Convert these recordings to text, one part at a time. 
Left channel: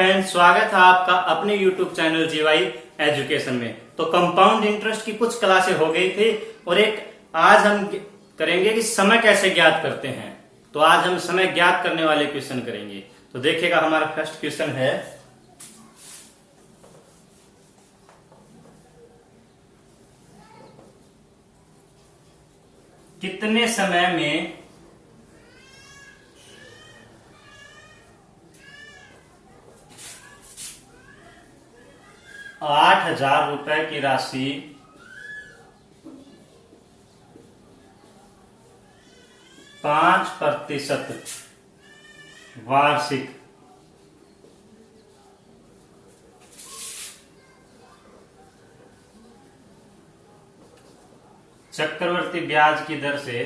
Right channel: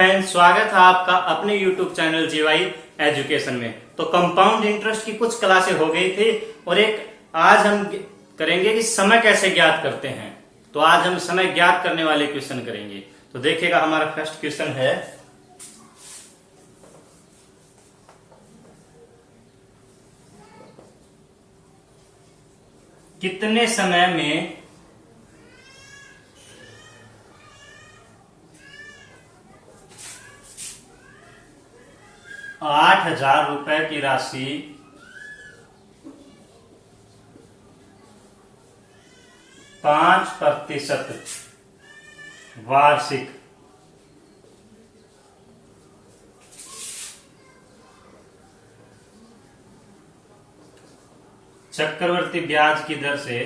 Friends, स्वागत है आपका अपने YouTube चैनल जीवाई एजुकेशन में। तो कंपाउंड इंटरेस्ट की कुछ क्लासें हो गई थी और एक आज हम करेंगे कि समय कैसे ज्ञात करते हैं। तो आज हम समय ज्ञात करने वाले क्वेश्चन करेंगे। तो देखिएगा, हमारा फर्स्ट क्वेश्चन है, कितने समय में 8,000 रुपए की राशि 5% वार्षिक चक्रवर्ती ब्याज की दर से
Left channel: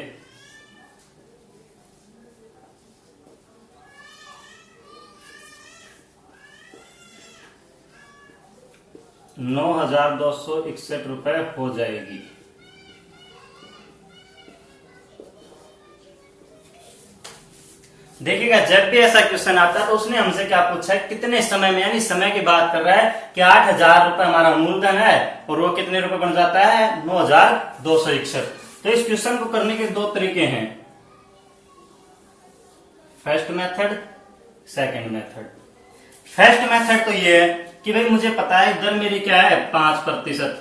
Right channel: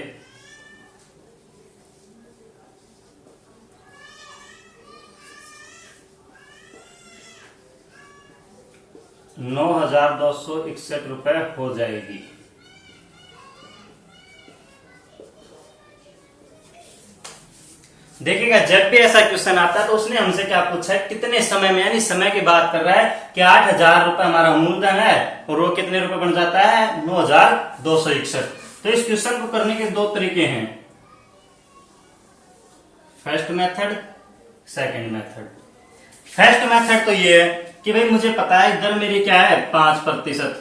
9,261 रुपए हो जाएगी। देखिएगा, जब भी ऐसा क्वेश्चन आता है तो उसने हमसे क्या पूछा है, कितने समय में, यानी समय की बात कर रहा है कि 8,000 रुपए हमारा मूलधन है और वो कितने रुपए बन जाता है, 9,261। तो इस क्वेश्चन को करने के दो तरीके हैं, first method, second method. First method तो ये है कि भाई मुझे पता है दर मेरी क्या है, 5%,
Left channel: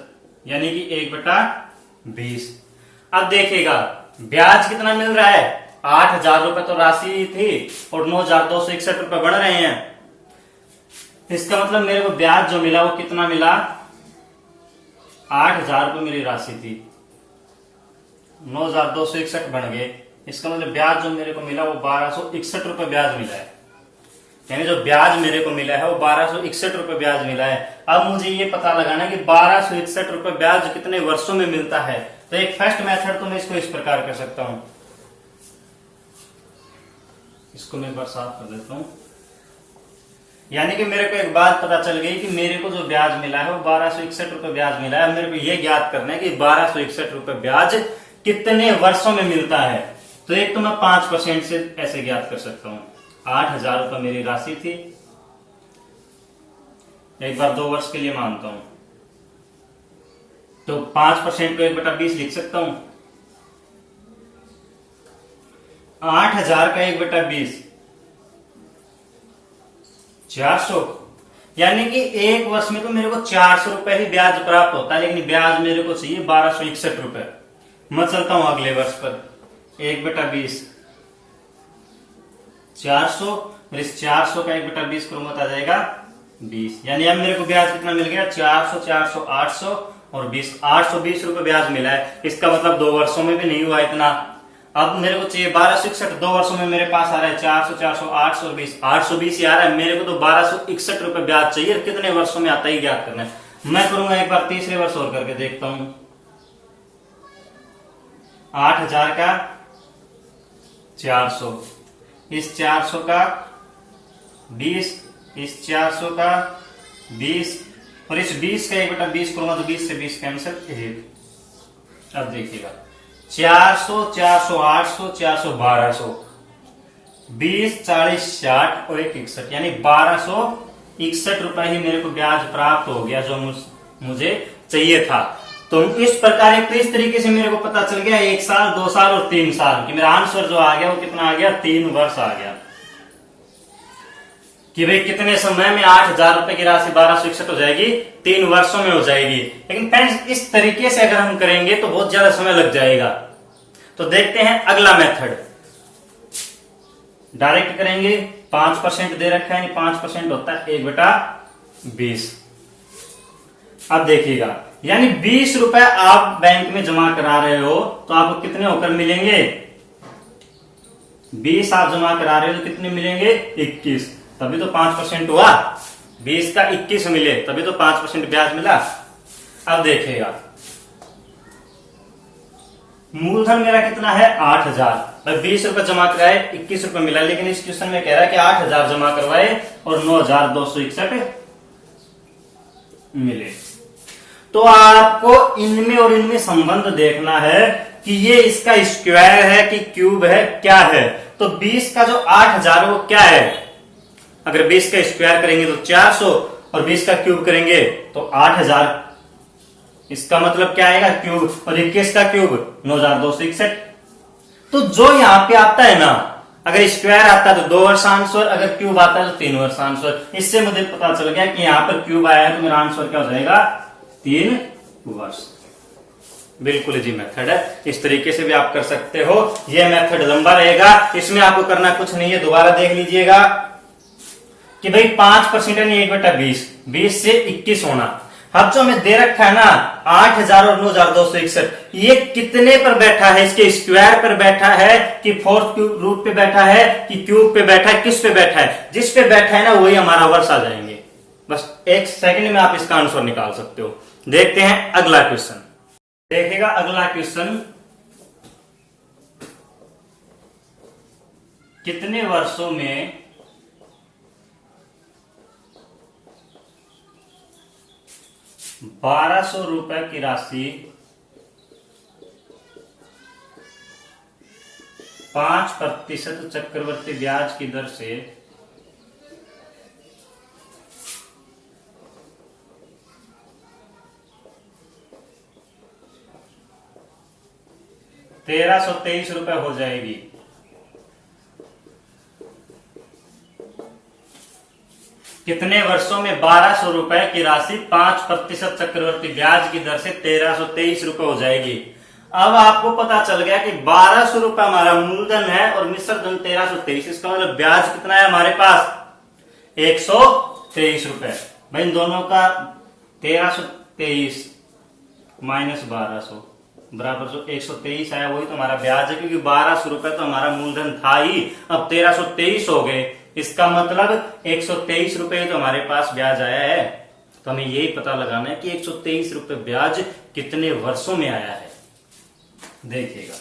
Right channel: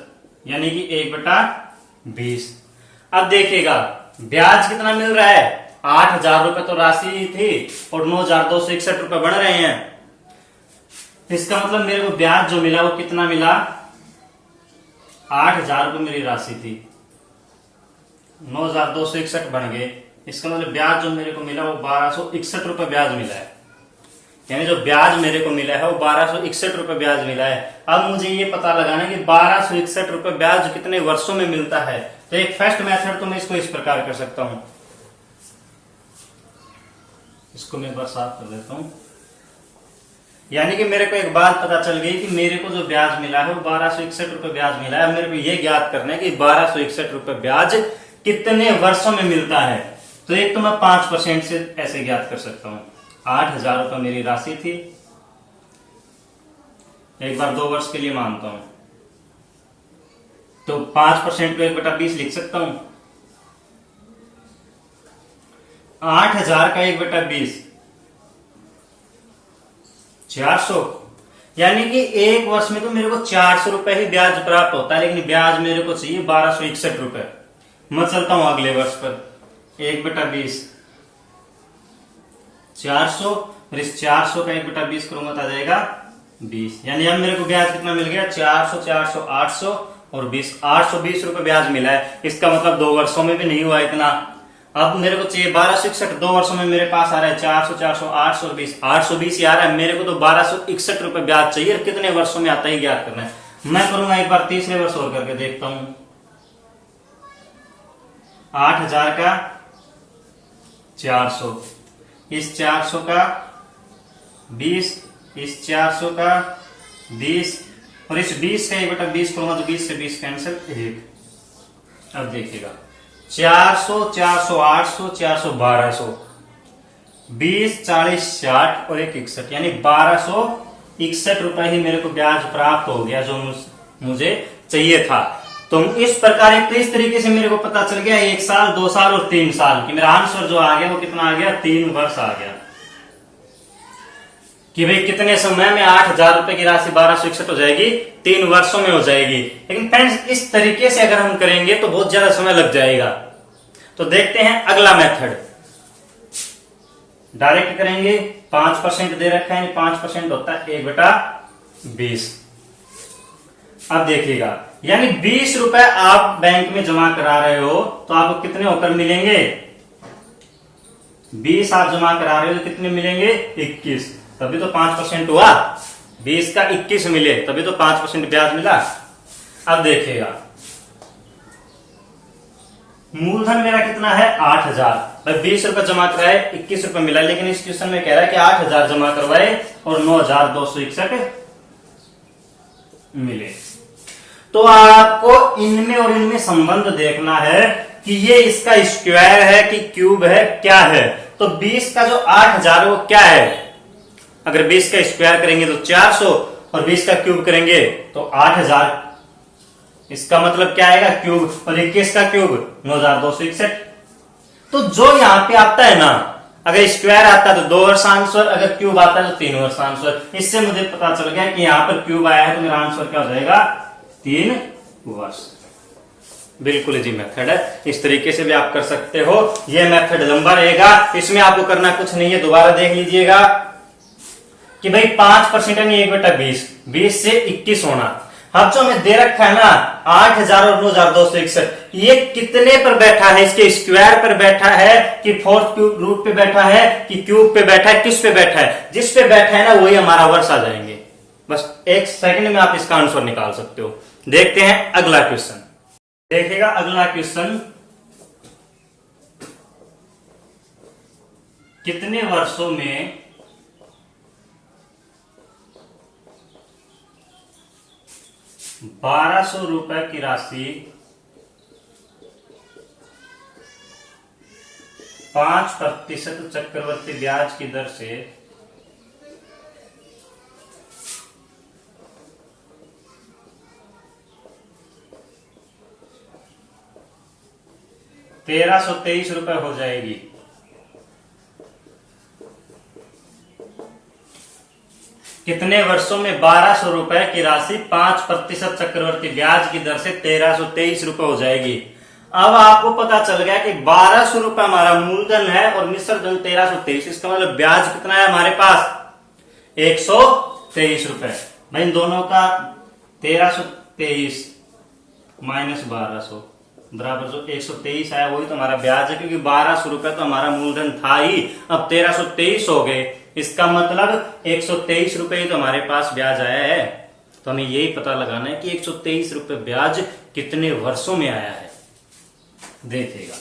यानी कि 1/20। अब देखिएगा ब्याज कितना मिल रहा है, 8,000 रुपए तो राशि थी और 9,261 रुपए बढ़ रहे हैं। इसका मतलब मेरे को ब्याज जो मिला वो कितना मिला, 8,000 रुपए मेरी राशि थी, 9,261 बन गए। इसका मतलब ब्याज जो मेरे को मिला वो 1,261 रुपए ब्याज मिला है, यानी जो ब्याज मेरे को मिला है वो 1,261 रुपए ब्याज मिला है। अब मुझे ये पता लगाना है कि 1,261 रुपए ब्याज कितने वर्षों में मिलता है। तो एक फर्स्ट मेथड तो मैं इसको इस प्रकार कर सकता हूं, इसको मैं एक बार साफ कर देता हूं। यानी कि मेरे को एक बात पता चल गई कि मेरे को जो ब्याज मिला है वो 1,261 रुपए ब्याज मिला है। मेरे को ये ज्ञात करना है कि 1,261 रुपए ब्याज कितने वर्षों में मिलता है। तो एक तो मैं 5% से ऐसे ज्ञात कर सकता हूं, 8,000 रुपए मेरी राशि थी, एक बार 2 वर्ष के लिए मानता हूं, तो 5% को 1/20 लिख सकता हूं। 8,000 का 1/20 400, यानी कि एक वर्ष में तो मेरे को 400 रुपए ही ब्याज प्राप्त होता है, लेकिन ब्याज मेरे को चाहिए 1,261 रुपए। मैं चलता हूं अगले वर्ष पर, 1/20 400, और इस 400 का 1/20 करूंगा तो आ जाएगा 20। यानी अब मेरे को ब्याज कितना मिल गया, 400, 400, 800 और 20, 820 रुपए ब्याज मिला है। इसका मतलब 2 वर्षों में भी नहीं हुआ इतना। अब मेरे को चाहिए 1,261, 2 वर्षों में मेरे पास आ रहा है 400, 400, 820, 820 ही आ रहा है। मेरे को तो 1,261 रुपए ब्याज चाहिए, कितने वर्षों में आता है ज्ञात करना है। मैं करूंगा एक बार तीसरे वर्ष और करके देखता हूं। 8,000 का 400, इस 400 का 20, इस 400 का 20 और इस 20 का 1/20 करूंगा तो 20 से 20 कैंसिल, 1। अब देखिएगा 400, 400, 800, 400, 1,200, 20, 40, 60 और 161, यानी 1,261 रुपए ही मेरे को ब्याज प्राप्त हो गया जो मुझे चाहिए था। तो इस प्रकार एक, तो इस तरीके से मेरे को पता चल गया 1 साल, 2 साल और 3 साल कि मेरा आंसर जो आ गया वो कितना आ गया, 3 वर्ष आ गया। कि भाई कितने समय में 8,000 रुपए की राशि 1,261 हो जाएगी, 3 वर्षों में हो जाएगी। लेकिन फ्रेंड्स इस तरीके से अगर हम करेंगे तो बहुत ज्यादा समय लग जाएगा। तो देखते हैं अगला मेथड, डायरेक्ट करेंगे। 5% दे रखा है, 5% होता है 1/20। अब देखिएगा, यानी 20 रुपए आप बैंक में जमा करा रहे हो तो आपको कितने होकर मिलेंगे, 20 आप जमा करा रहे हो तो कितने मिलेंगे, 21, तभी तो 5% हुआ। 20 का 21 मिले तभी तो 5% ब्याज मिला। अब देखिएगा मूलधन मेरा कितना है, 8,000। 20 रुपए जमा कराए, 21 रुपए मिला, लेकिन इस क्वेश्चन में कह रहा है कि 8,000 जमा करवाए और 9,261 मिले। तो आपको इनमें और इनमें संबंध देखना है कि ये इसका स्क्वायर है कि क्यूब है, क्या है। तो 20 का जो 8,000 वो क्या है, अगर 20 का स्क्वायर करेंगे तो 400 और 20 का क्यूब करेंगे तो 8000। इसका मतलब क्या आएगा क्यूब, और 21 का क्यूब 9261। तो जो यहां पे आता है ना, अगर स्क्वायर आता है तो 2 वर्ष आंसर, अगर क्यूब आता है तो 3 वर्ष आंसर। इससे मुझे पता चल गया कि यहां पर क्यूब आया है तो मेरा आंसर क्या हो जाएगा 3 वर्ष। बिल्कुल इजी मेथड है, इस तरीके से भी आप कर सकते हो। यह मेथड लंबा रहेगा, इसमें आपको करना कुछ नहीं है। दोबारा देख लीजिएगा कि भाई 5% यानी 1/20, 20 से 21 होना। अब जो हमें दे रखा है ना 8000 और 9261, ये कितने पर बैठा है, इसके स्क्वायर पर बैठा है कि फोर्थ क्यूब रूट पे बैठा है कि क्यूब पे बैठा है, किस पे बैठा है? जिस पे बैठा है ना वही हमारा वर्ष आ जाएंगे। बस 1 सेकंड में आप इसका आंसर निकाल सकते हो। देखते हैं अगला क्वेश्चन। देखिएगा अगला क्वेश्चन, कितने वर्षों में 1200 रुपए की राशि 5% चक्रवर्ती ब्याज की दर से 1323 रुपए हो जाएगी? कितने वर्षों में 1200 रुपए की राशि 5% चक्रवर्ती ब्याज की दर से 1323 रुपए हो जाएगी? अब आपको पता चल गया कि 1200 रुपए हमारा मूलधन है और मिश्र धन 1323। इसका मतलब ब्याज कितना है हमारे पास 123 रुपए। भाई इन दोनों का 1323 माइनस 1200 बराबर जो 123 आया वही तो हमारा ब्याज है, क्योंकि 1200 रुपए तो हमारा मूलधन था ही, अब 1323 हो गए। इसका मतलब 123 रुपए ही तो हमारे पास ब्याज आया है। तो हमें यही पता लगाना है कि 123 रुपए ब्याज कितने वर्षों में आया है। देखिएगा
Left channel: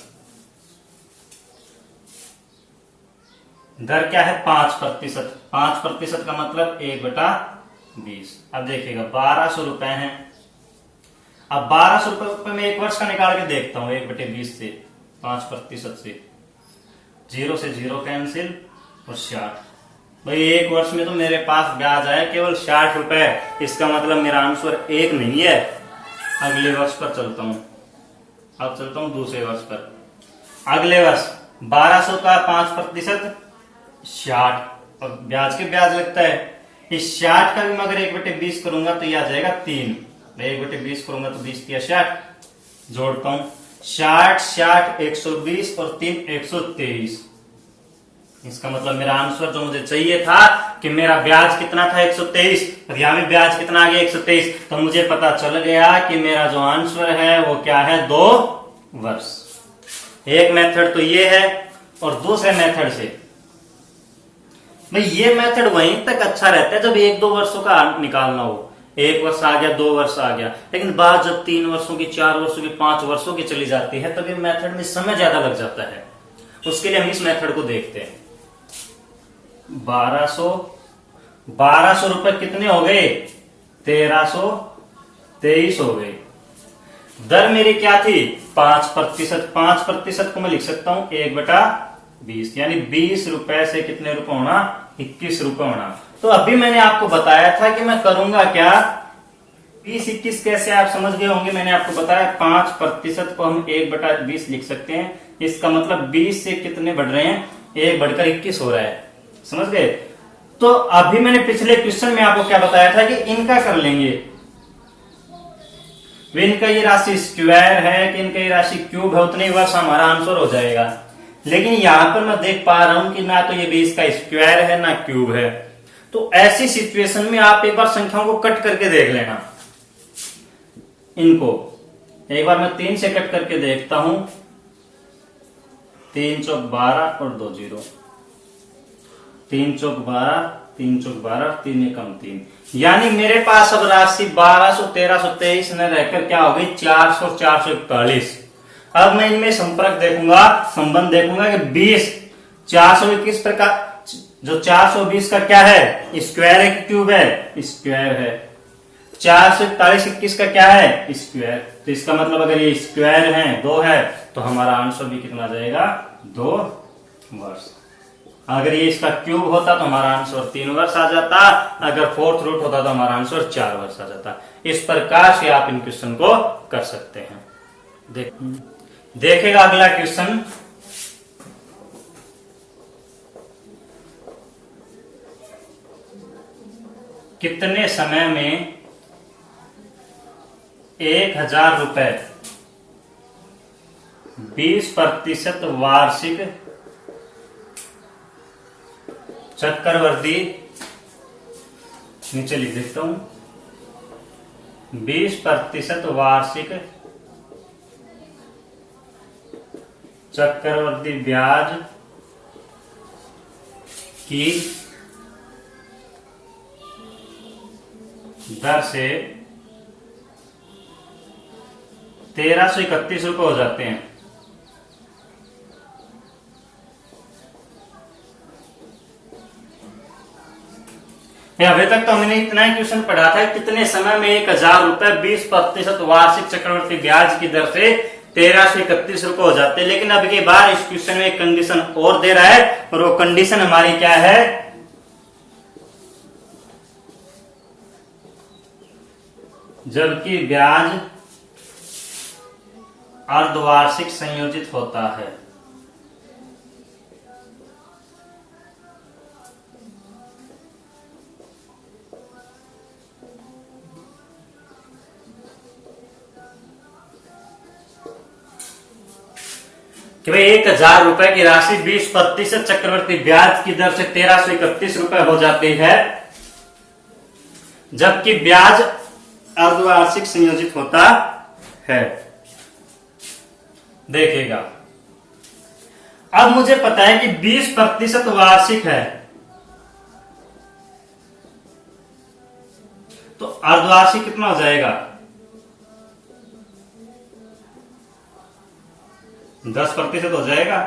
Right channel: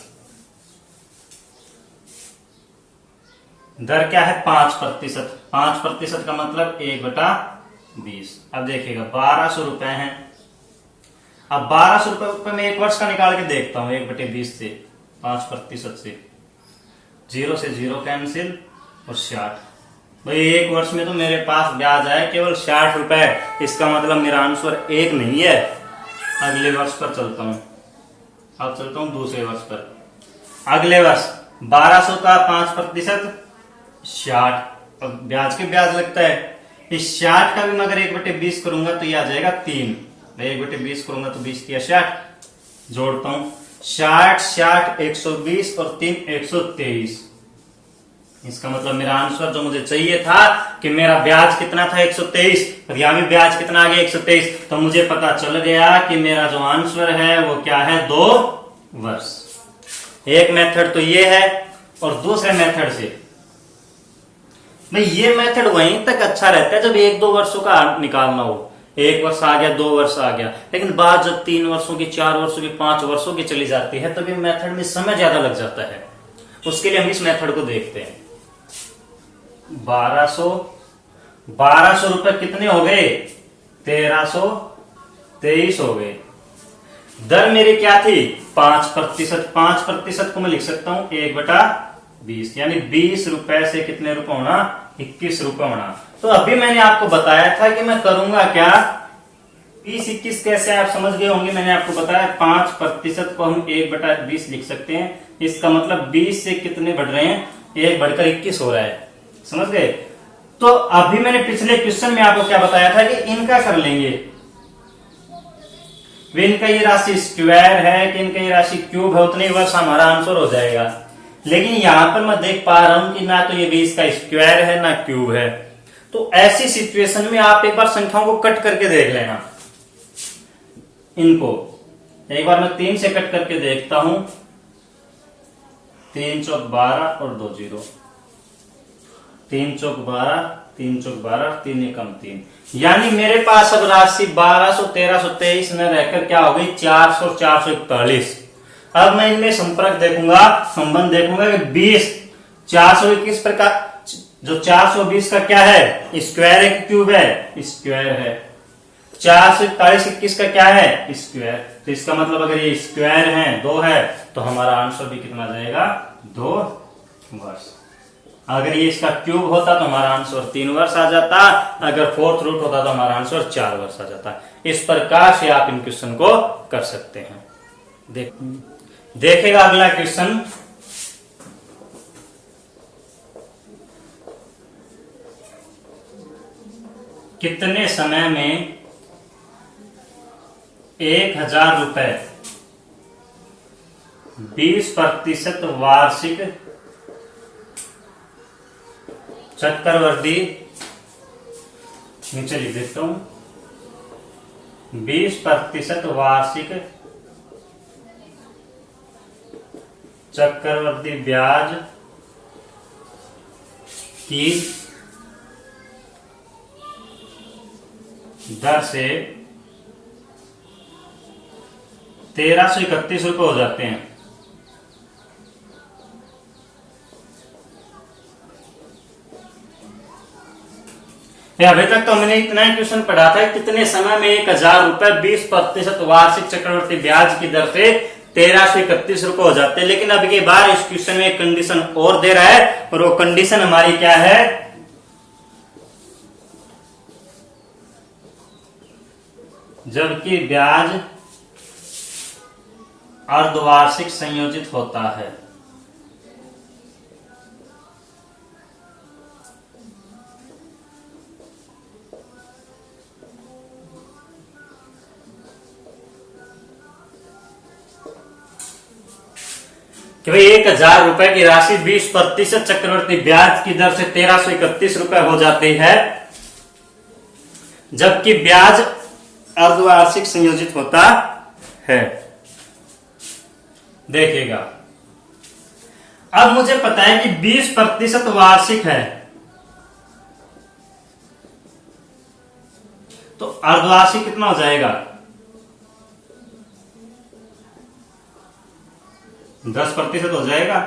दर क्या है 5%। 5% का मतलब 1/20। अब देखिएगा 1200 रुपए है। अब 1200 रुपए में 1 वर्ष का निकाल के देखता हूं। 1/20 से 5% से 0 से 0 कैंसिल और 60। भाई 1 वर्ष में तो मेरे पास ब्याज आया केवल 60 रुपए। इसका मतलब मेरा आंसर 1 नहीं है। अगले वर्ष पर चलता हूं। अब चलता हूं दूसरे वर्ष पर। अगले वर्ष 1200 का 5% 60, और ब्याज के ब्याज लगता है। इस 60 का भी मैं अगर 1/20 करूंगा तो ये आ जाएगा 3। 1/20 करूंगा तो 20 या 60 जोड़ता हूं। 60 60 120 और 3 123। इसका मतलब मेरा आंसर जो मुझे चाहिए था कि मेरा ब्याज कितना था 123, और यहां भी ब्याज कितना आ गया 123। तो मुझे पता चल गया कि मेरा जो आंसर है वो क्या है 2 वर्ष। एक मेथड तो ये है, और दूसरे मेथड से भाई ये मेथड वहीं तक अच्छा रहता है जब 1-2 वर्षों का निकालना हो। 1 वर्ष आ गया 2 वर्ष आ गया, लेकिन बात जब 3 वर्षों की 4 वर्षों की 5 वर्षों की चली जाती है तभी मेथड में समय ज्यादा लग जाता है। उसके लिए हम इस मेथड को देखते हैं। 1200 रुपए कितने हो गए 1323 हो गए। दर मेरी क्या थी 5%। 5% को मैं लिख सकता हूं 1/20, यानी 20 रुपए से कितने रुपए होना 21 रुपए होना। तो अभी मैंने आपको बताया था कि मैं करूंगा क्या 20-21 कैसे आप समझ गए होंगे। मैंने आपको बताया 5% को हम 1/20 लिख सकते हैं। इसका मतलब 20 से कितने बढ़ रहे हैं 1 बढ़कर 21 हो रहा है, समझ गए। तो अभी मैंने पिछले क्वेश्चन में आपको क्या बताया था कि इनका कर लेंगे। इनका ये राशि स्क्वायर है कि इनका ये राशि क्यूब है, उतने वर्ष हमारा आंसर हो जाएगा। लेकिन यहां पर मैं देख पा रहा हूं कि ना तो ये 20 का स्क्वायर है ना क्यूब है। तो ऐसी सिचुएशन में आप एक बार संख्याओं को कट करके देख लेना। इनको एक बार मैं 3 से कट करके देखता हूं। 3 चौक 12 और 2 0। 3 चौक 12, 3 चौक 12, 3 एकम 3, यानी मेरे पास अब राशि 1200 1323 न रहकर क्या हो गई 400 441। अब मैं इनमें संपर्क देखूंगा, संबंध देखूंगा कि 20 421 प्रकार जो 420 का क्या है स्क्वायर है कि क्यूब है स्क्वायर है। 441 21 का क्या है स्क्वायर। तो इसका मतलब अगर ये स्क्वायर है 2 है तो हमारा आंसर भी कितना जाएगा 2 वर्ष। अगर ये इसका क्यूब होता तो हमारा आंसर 3 वर्ष आ जाता, अगर फोर्थ रूट होता तो हमारा आंसर 4 वर्ष आ जाता। इस प्रकार से आप इन क्वेश्चन को कर सकते हैं। देखेगा अगला क्वेश्चन, कितने समय में 1000 रुपए 20% वार्षिक चक्रवृद्धि, नीचे लिख देता हूं, 20% वार्षिक चक्रवृद्धि ब्याज की दर से 1331 रुपए हो जाते हैं। अभी तक तो हमने इतना ही क्वेश्चन पढ़ा था, कितने समय में 1000 रुपए 20% वार्षिक चक्रवृद्धि ब्याज की दर से 1331 रुपए हो जाते हैं। लेकिन अब की बार इस क्वेश्चन में एक कंडीशन और दे रहा है, और वो कंडीशन हमारी क्या है, जबकि ब्याज अर्धवार्षिक संयोजित होता है। कि भाई 1000 रुपए की राशि 20% चक्रवृद्धि ब्याज की दर से 1331 रुपए हो जाती है, जबकि ब्याज अर्धवार्षिक संयोजित होता है। देखिएगा, अब मुझे पता है कि 20% वार्षिक है, तो अर्धवार्षिक कितना हो जाएगा, 10% हो जाएगा।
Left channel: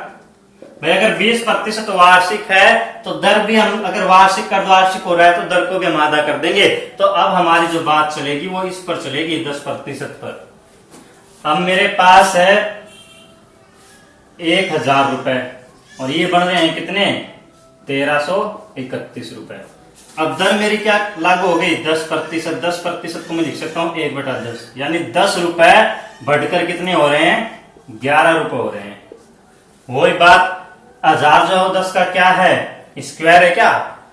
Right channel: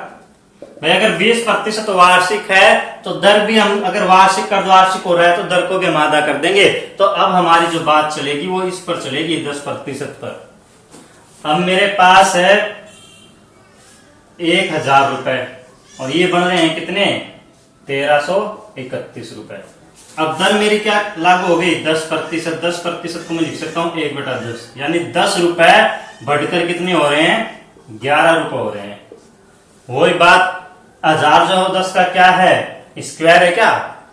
भाई अगर 20% वार्षिक है तो दर भी हम, अगर वार्षिक अर्धवार्षिक हो रहा है तो दर को भी हम आधा कर देंगे। तो अब हमारी जो बात चलेगी वो इस पर चलेगी, 10% पर। अब मेरे पास है 1000 रुपए और ये बन रहे हैं कितने, 1331 रुपए। अब दर मेरी क्या लागू हो गई, 10%। 10% को मैं लिख सकता हूं 1/10, यानी 10 रुपए बढ़कर कितने हो रहे हैं, 11 रुपए हो रहे हैं। वही बात, 1000 जो 10 का क्या है, स्क्वायर है क्या,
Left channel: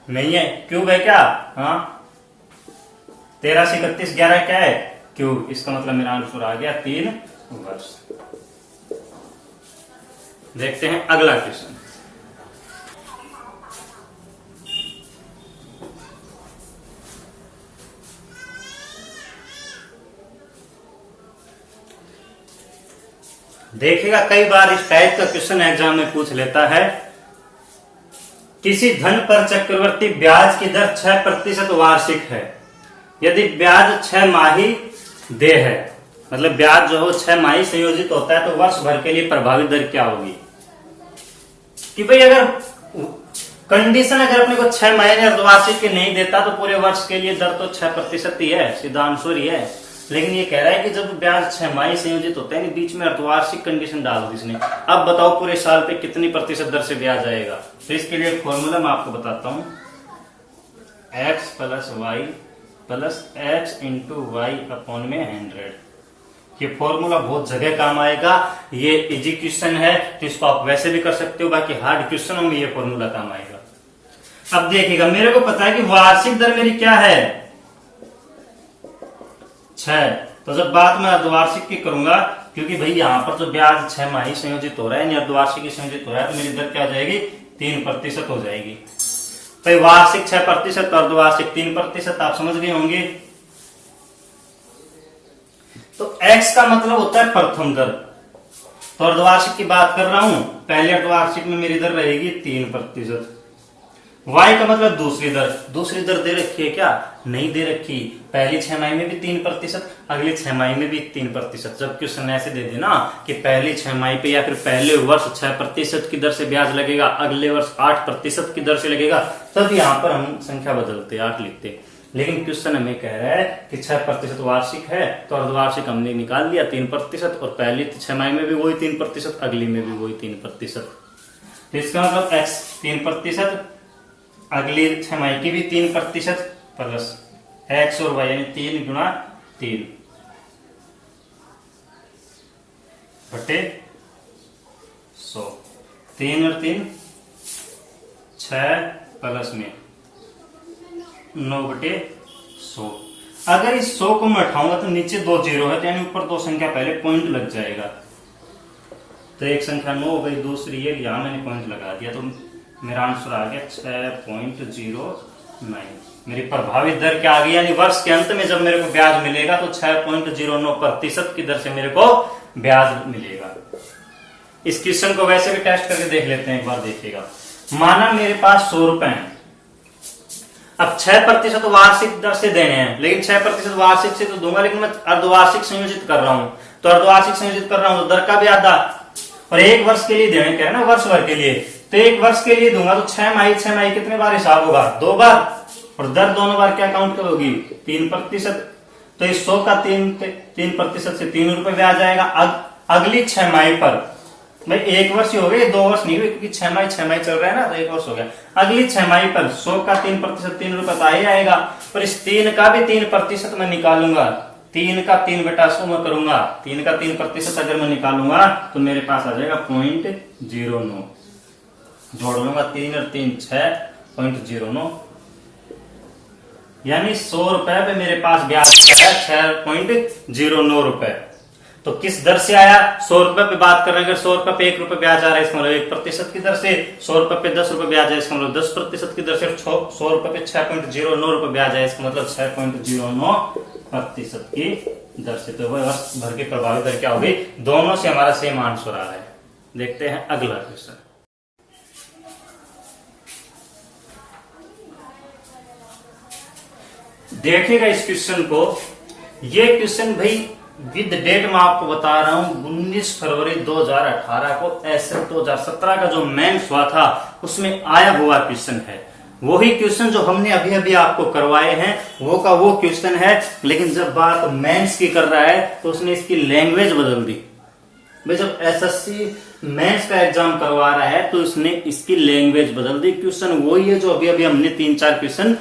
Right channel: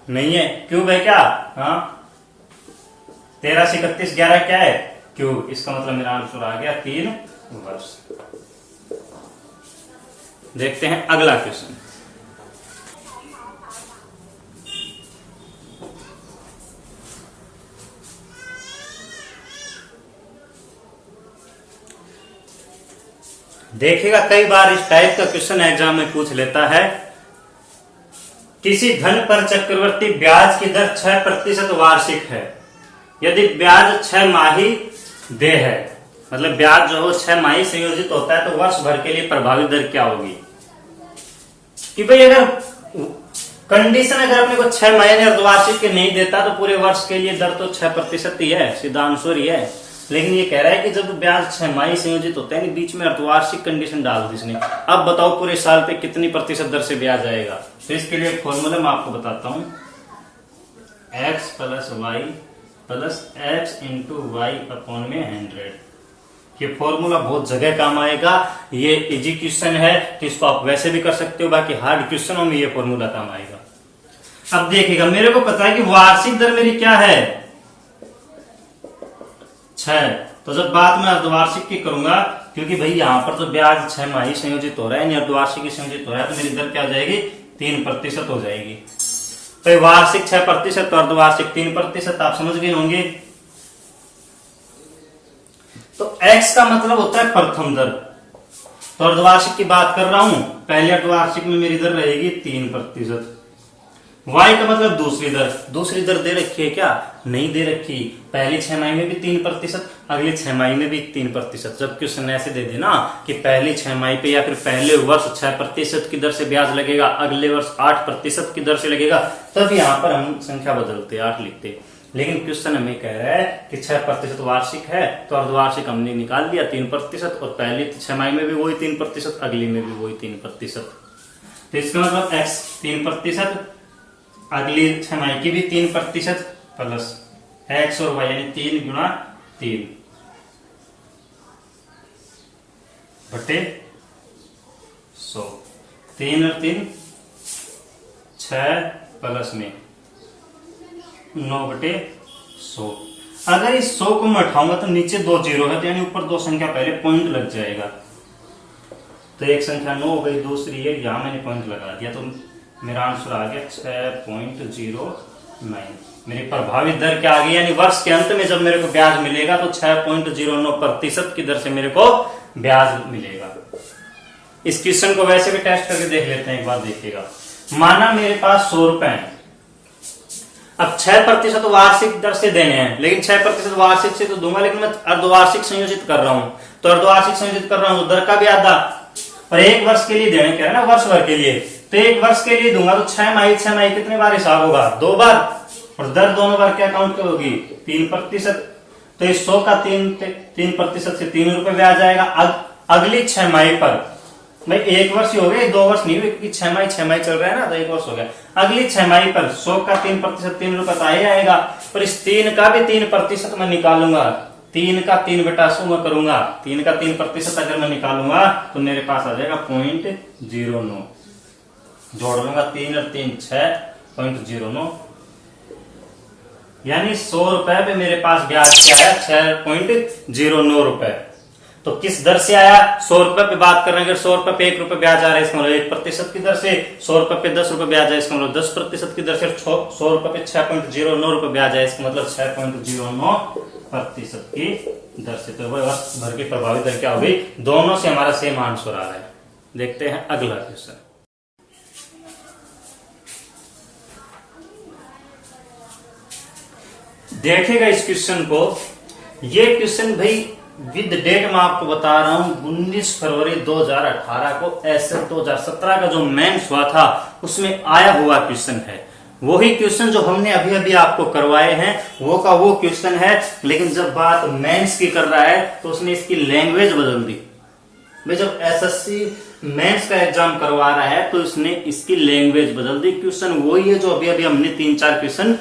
नहीं है, क्यूब है क्या, हाँ, 1331 11 क्या है, क्यूब। इसका मतलब मेरा आंसर आ गया 3 वर्ष। देखते हैं अगला क्वेश्चन। देखिएगा, कई बार इस टाइप का क्वेश्चन एग्जाम में पूछ लेता है, किसी धन पर चक्रवृद्धि ब्याज की दर 6% वार्षिक है, यदि ब्याज 6 माही देय है, मतलब ब्याज जो है 6 माही संयोजित होता है, तो वर्ष भर के लिए प्रभावी दर क्या होगी। कि भाई अगर कंडीशन अगर अपने को 6 महीने अर्धवार्षिक के नहीं देता तो पूरे वर्ष के लिए दर तो 6% ही है, सीधा आंसर ही है। लेकिन ये कह रहा है कि जब ब्याज 6 माही संयोजित होता है, बीच में अर्धवार्षिक कंडीशन डाल दी इसने। अब बताओ पूरे साल पे कितनी प्रतिशत दर से ब्याज आएगा। तो इसके लिए एक फॉर्मूला मैं आपको बताता हूं, x plus Y plus X into Y upon में 100। ये फॉर्मूला बहुत जगह काम आएगा। ये इजी क्वेश्चन है तो इसको आप वैसे भी कर सकते हो, बाकी हार्ड क्वेश्चनों में ये फॉर्मूला काम आएगा। अब देखिएगा, मेरे को पता है कि वार्षिक दर मेरी क्या है, 6। तो जब बात मैं अर्धवार्षिक की करूंगा, क्योंकि भाई यहां पर तो ब्याज 6 माही संयोजित हो रहा है, अर्धवार्षिक संयोजित हो रहा है, तो मेरी दर क्या हो जाएगी, 3% हो जाएगी। तो वार्षिक 6% और अर्धवार्षिक 3%, आप समझ गए होंगे। तो x का मतलब होता है प्रथम दर, तो अर्धवार्षिक की बात कर रहा हूं, पहले अर्धवार्षिक में मेरी दर रहेगी 3%। y का मतलब दूसरी दर। दूसरी दर दे रखी है क्या, नहीं दे रखी। पहली 6 माही में भी 3%, अगली 6 माही में भी 3%। जब क्वेश्चन ऐसे दे देना कि पहली 6 माही पे या फिर पहले वर्ष 6% की दर से ब्याज लगेगा, अगले वर्ष 8% की दर से लगेगा, तब यहाँ पर हम संख्या बदलते 8 लिखते। लेकिन क्वेश्चन हमें कह रहा है कि 6% वार्षिक है, तो अर्धवार्षिक हमने निकाल दिया 3%, और पहली 6 माही में भी वही 3%, अगली में भी वही 3%। तो इसका मतलब x 3%, अगली छमाही की भी 3% प्लस x और y यानी 3 गुना 3 बटे 100। 3 और 3 6 प्लस में 9 बटे 100। अगर इस 100 को मैं उठाऊंगा तो नीचे 2 जीरो है, तो यानी ऊपर 2 संख्या पहले पॉइंट लग जाएगा। तो एक संख्या 9 हो गई, दूसरी है, यहां मैंने पॉइंट लगा दिया, तो मेरा आंसर आ गया 6.09। मेरी प्रभावित दर क्या आ गई, यानी वर्ष के अंत में जब मेरे को ब्याज मिलेगा तो 6.09% की दर से मेरे को ब्याज मिलेगा। इस क्वेश्चन को वैसे भी टेस्ट करके देख लेते हैं, एक बार देखिएगा। माना मेरे पास 100 रुपए हैं, अब 6% वार्षिक दर से देने हैं, लेकिन 6% वार्षिक से तो दूंगा, लेकिन मैं अर्धवार्षिक संयोजित कर रहा हूं, तो अर्धवार्षिक संयोजित कर रहा हूं तो दर का भी आधा, और 1 वर्ष के लिए देने कह रहे हैं ना, वर्ष भर के लिए, तो 1 वर्ष के लिए दूंगा तो 6 माही कितने बार हिसाब होगा, 2 बार, और दर दोनों बार क्या काउंट करोगी, 3%। तो इस 100 का 3% से 3 रुपए ब्याज आएगा। अगली 6 माही पर, भाई 1 वर्ष ही हो गए, 2 वर्ष नहीं हुए, क्योंकि 6 माही चल रहा है ना, तो 1 वर्ष हो गया। अगली 6 माही पर 100 का 3% 3 रुपए तो आ ही आएगा, और इस 3 का भी 3% मैं निकालूंगा, 3 का 3 बटा 100 मैं करूंगा, 3 का 3% अगर मैं निकालूंगा तो मेरे पास आ जाएगा 0.09। जोड़ लूंगा 3 और 3 6.09, यानी 100 रुपए पे मेरे पास ब्याज क्या है, 6.09 रुपए। तो किस दर से आया, 100 रुपए पे बात कर रहे हैं, अगर 100 रुपए पे 1 रुपए ब्याज आ रहा है, इसका मतलब 1% की दर से, 100 रुपए पे 10 रुपए ब्याज है, इसका मतलब 10% की दर से, 100 रुपए पे 6.09 रुपए ब्याज है, इसका मतलब 6.09% की दर से। तो वह वर्ष भर की प्रभावी दर क्या हो गई, दोनों से हमारा सेम आंसर आ रहा है। देखते हैं अगला क्वेश्चन। देखिएगा इस क्वेश्चन को, ये क्वेश्चन भाई विद डेट मैं आपको बता रहा हूं, 19 फरवरी 2018 को एसएफ 2017 का जो मेंस हुआ था उसमें आया हुआ क्वेश्चन है। वही क्वेश्चन जो हमने अभी अभी आपको करवाए हैं वो का वो क्वेश्चन है, लेकिन जब बात मेंस की कर रहा है तो उसने इसकी लैंग्वेज बदल दी। भाई जब एसएससी मेंस का एग्जाम करवा रहा है तो इसने इसकी लैंग्वेज बदल दी। क्वेश्चन वही है जो अभी अभी हमने 3-4 क्वेश्चन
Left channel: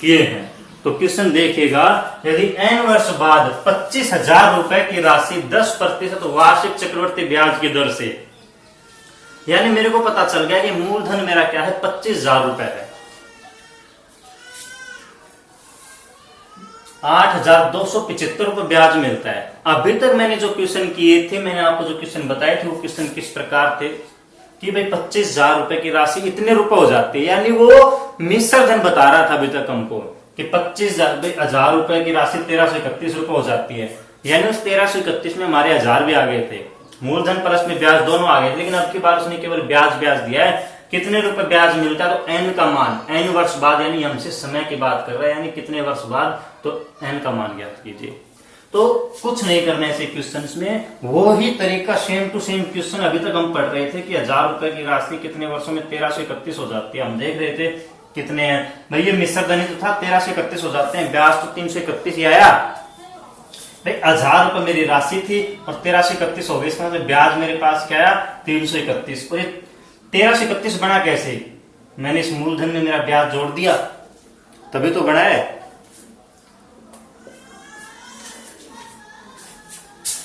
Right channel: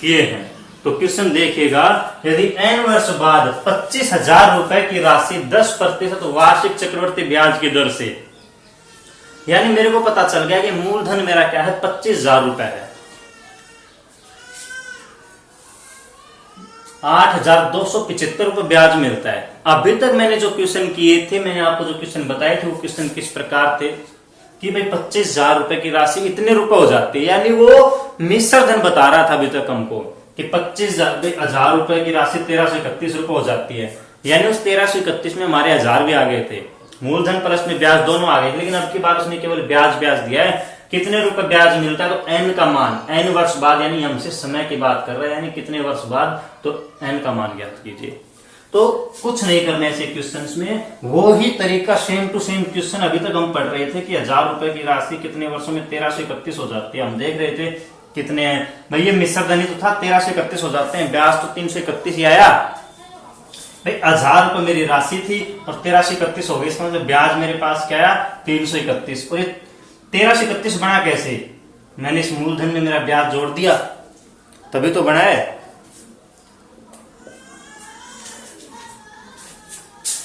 किए हैं। तो क्वेश्चन देखिएगा, यदि n वर्ष बाद 25,000 रुपए की राशि 10% वार्षिक चक्रवर्ती ब्याज की दर से, यानी मेरे को पता चल गया कि मूलधन मेरा क्या है, 25,000 रुपए है, 8,275 रुपए ब्याज मिलता है। अभी तक मैंने जो क्वेश्चन किए थे, मैंने आपको जो क्वेश्चन बताए थे वो क्वेश्चन किस प्रकार थे कि भाई 25,000 रुपए की राशि इतने रुपए हो जाते हैं, यानी वो मिश्र धन बता रहा था अभी तक हमको कि 25,000 रुपए की राशि 1331 रुपए हो जाती है, यानी उस 1331 में हमारे 1000 भी आ गए थे, मूलधन प्लस में ब्याज दोनों आ गए थे, लेकिन अब की बार उसने केवल ब्याज दिया है। कितने रुपए ब्याज मिलता है, तो n का मान, n वर्ष बाद, यानी हमसे समय की बात कर रहे हैं, यानी कितने वर्ष बाद, तो n का मान ज्ञात कीजिए। तो कुछ नहीं करने ऐसे क्वेश्चन में, वो ही तरीका सेम टू सेम क्वेश्चन अभी तक हम पढ़ रहे थे कि 1000 रुपए की राशि कितने वर्षों में 1331 हो जाती है। हम देख रहे थे कितने हैं भाई, ये मिश्र धनी तो था, 1331 हो जाते हैं, ब्याज तो 331 ही आया भाई। 1000 रुपए मेरी राशि थी और 1331 हो गई, इसका मतलब ब्याज मेरे पास क्या आया, 331। और ये 1331 बना कैसे, मैंने इस मूलधन में मेरा ब्याज जोड़ दिया तभी तो बना है।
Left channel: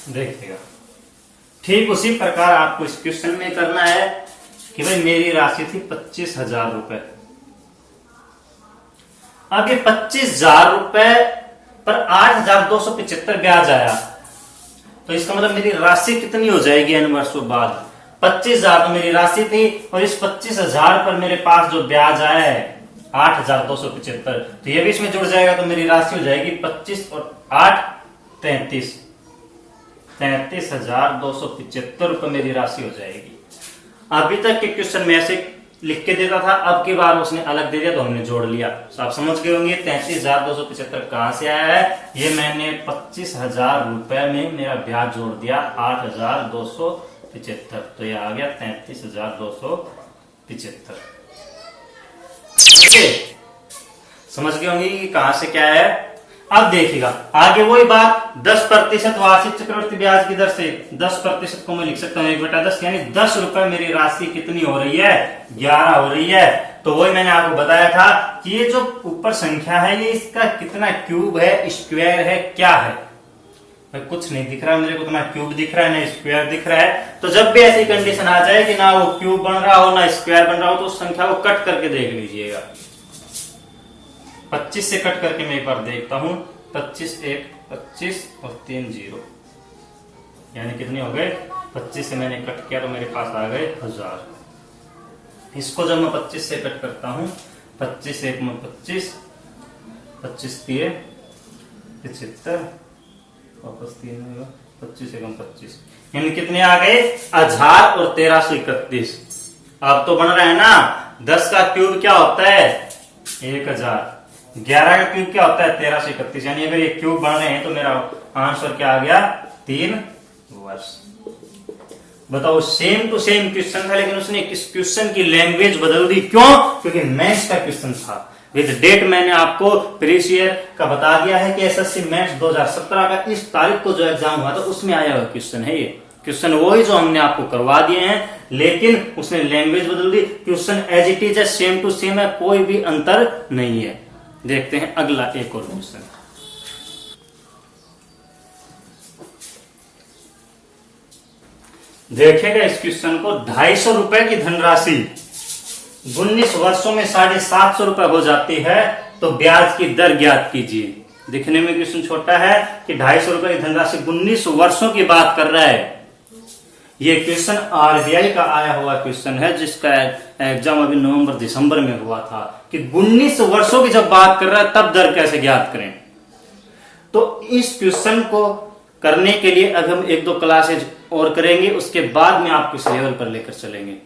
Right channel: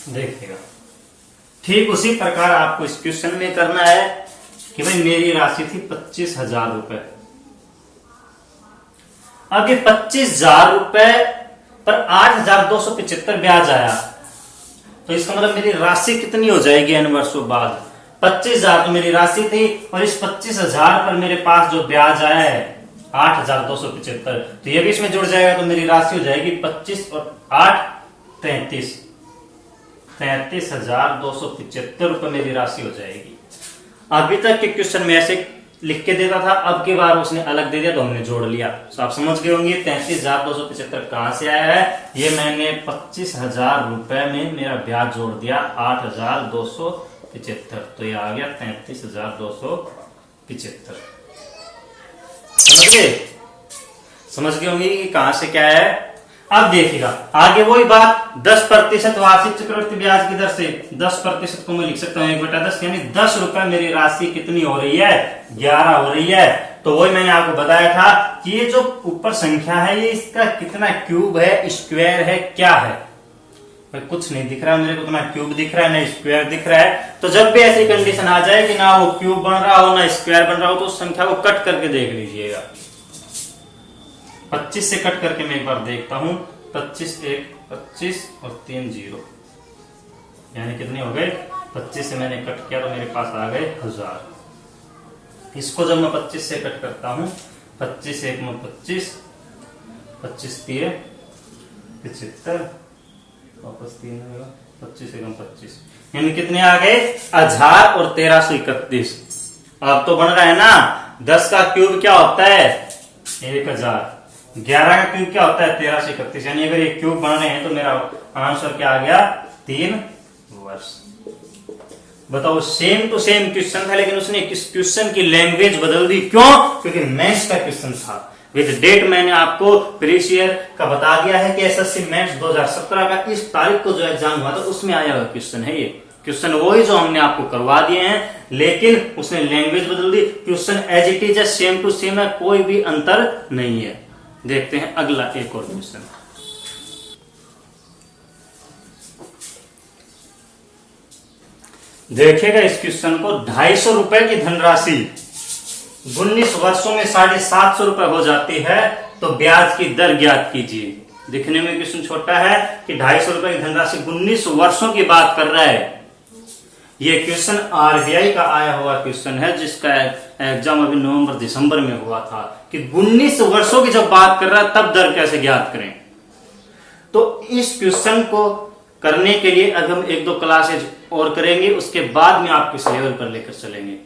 देखिएगा ठीक उसी प्रकार आपको इस क्वेश्चन में करना है कि भाई मेरी राशि थी 25,000 रुपए, अब ये 25,000 रुपए पर 8,275 ब्याज आया, तो इसका मतलब मेरी राशि कितनी हो जाएगी n वर्षों बाद, 25,000 तो मेरी राशि थी और इस 25,000 पर मेरे पास जो ब्याज आया है 8,275, तो ये भी इसमें जुड़ जाएगा, तो मेरी राशि हो जाएगी 25 और 8 33,275 रुपए मेरी राशि हो जाएगी। अभी तक के क्वेश्चन में ऐसे लिख के देता था, अब की बार उसने अलग दे दिया तो हमने जोड़ लिया। तो आप समझ गए होंगे 33,275 कहां से आया है, ये मैंने 25,000 रुपए में मेरा ब्याज जोड़ दिया 8,275, तो ये आ गया 33,275। समझ गए होंगे कि कहां से क्या है। अब देखिएगा आगे वही बात, 10% वार्षिक चक्रवृद्धि ब्याज की दर से 10% को मैं लिख सकता हूँ 1/10, यानी 10 रुपए मेरी राशि कितनी हो रही है, 11 हो रही है। तो वही मैंने आपको बताया था कि ये जो ऊपर संख्या है ये इसका कितना क्यूब है, स्क्वायर है, क्या है। भाई कुछ नहीं दिख रहा है मेरे को, ना क्यूब दिख रहा है ना स्क्वायर दिख रहा है। तो जब भी ऐसी कंडीशन आ जाए कि ना वो क्यूब बन रहा हो ना स्क्वायर बन रहा हो, तो उस संख्या को कट करके देख लीजिएगा। 25 से कट करके मैं एक बार देखता हूं, 25 1 25 और 3 0, यानी कितने हो गए, 25 से मैंने कट किया तो मेरे पास आ गए 1000। इसको जब मैं 25 से कट करता हूं, 25 1 में 25, 25 3 75, वापस 3 होगा, 25 1 25, यानी कितने आ गए, 1000 और 1331। अब तो बन रहा है ना, 10 का क्यूब क्या होता है 1000, 11 का क्यूब क्या होता है 1331, यानी अगर ये क्यूब बन रहे हैं तो मेरा आंसर क्या आ गया 3 वर्ष। बताओ सेम टू सेम क्वेश्चन था, लेकिन उसने क्वेश्चन की लैंग्वेज बदल दी, क्यों, क्योंकि मैथ्स का क्वेश्चन था। विद डेट मैंने आपको प्रीवियस ईयर का बता दिया है कि एसएससी मैथ्स 2017 का इस तारीख को जो एग्जाम हुआ था उसमें आया हुआ क्वेश्चन है। ये क्वेश्चन वही जो हमने आपको करवा दिए हैं, लेकिन उसने लैंग्वेज बदल दी। क्वेश्चन एज इट इज है, सेम टू सेम है, कोई भी अंतर नहीं है। देखते हैं अगला एक और क्वेश्चन। देखिएगा इस क्वेश्चन को, 250 रुपए की धनराशि 19 वर्षों में 750 रुपए हो जाती है, तो ब्याज की दर ज्ञात कीजिए। दिखने में क्वेश्चन छोटा है कि 250 रुपए की धनराशि 19 वर्षों की बात कर रहा है। ये क्वेश्चन आरबीआई का आया हुआ क्वेश्चन है, जिसका एग्जाम अभी नवंबर दिसंबर में हुआ था, कि 19 वर्षों की जब बात कर रहा है तब दर कैसे ज्ञात करें। तो इस क्वेश्चन को करने के लिए अगर हम 1-2 क्लासेज और करेंगे, उसके बाद में आपको इस लेवल पर लेकर चलेंगे।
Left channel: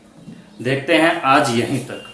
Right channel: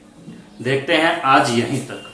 देखते हैं आज यहीं तक।